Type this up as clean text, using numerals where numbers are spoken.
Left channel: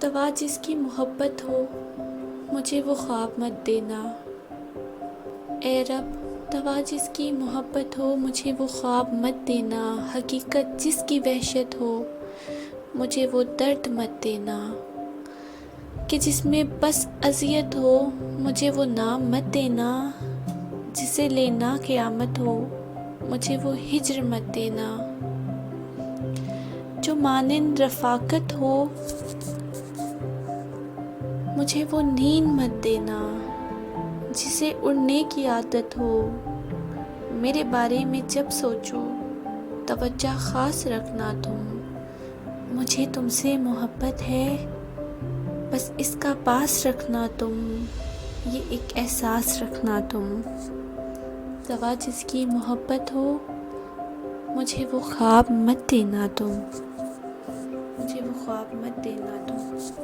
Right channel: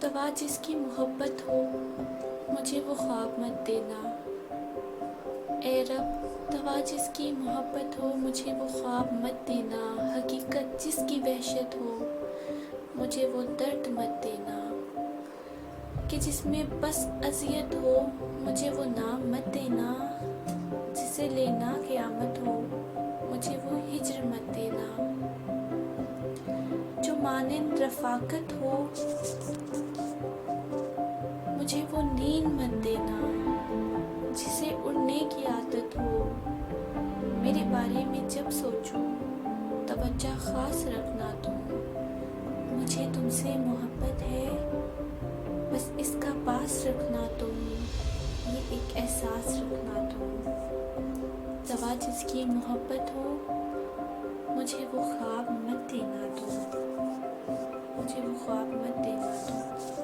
توا جس کی محبت ہو مجھے وہ خواب مت دینا۔ اے رب توا جس کی محبت ہو مجھے وہ خواب مت دینا، حقیقت جس کی وحشت ہو مجھے وہ درد مت دینا، کہ جس میں بس اذیت ہو مجھے وہ نام مت دینا، جسے لینا قیامت ہو مجھے وہ ہجر مت دینا، جو مانند رفاقت ہو مجھے وہ نیند مت دینا، جسے اڑنے کی عادت ہو میرے بارے میں جب سوچوں توجہ خاص رکھنا تم، مجھے تم سے محبت ہے بس اس کا پاس رکھنا تم، یہ ایک احساس رکھنا تم۔ توا جس کی محبت ہو مجھے وہ خواب مت دینا تم، مجھے وہ خواب مت دینا تم۔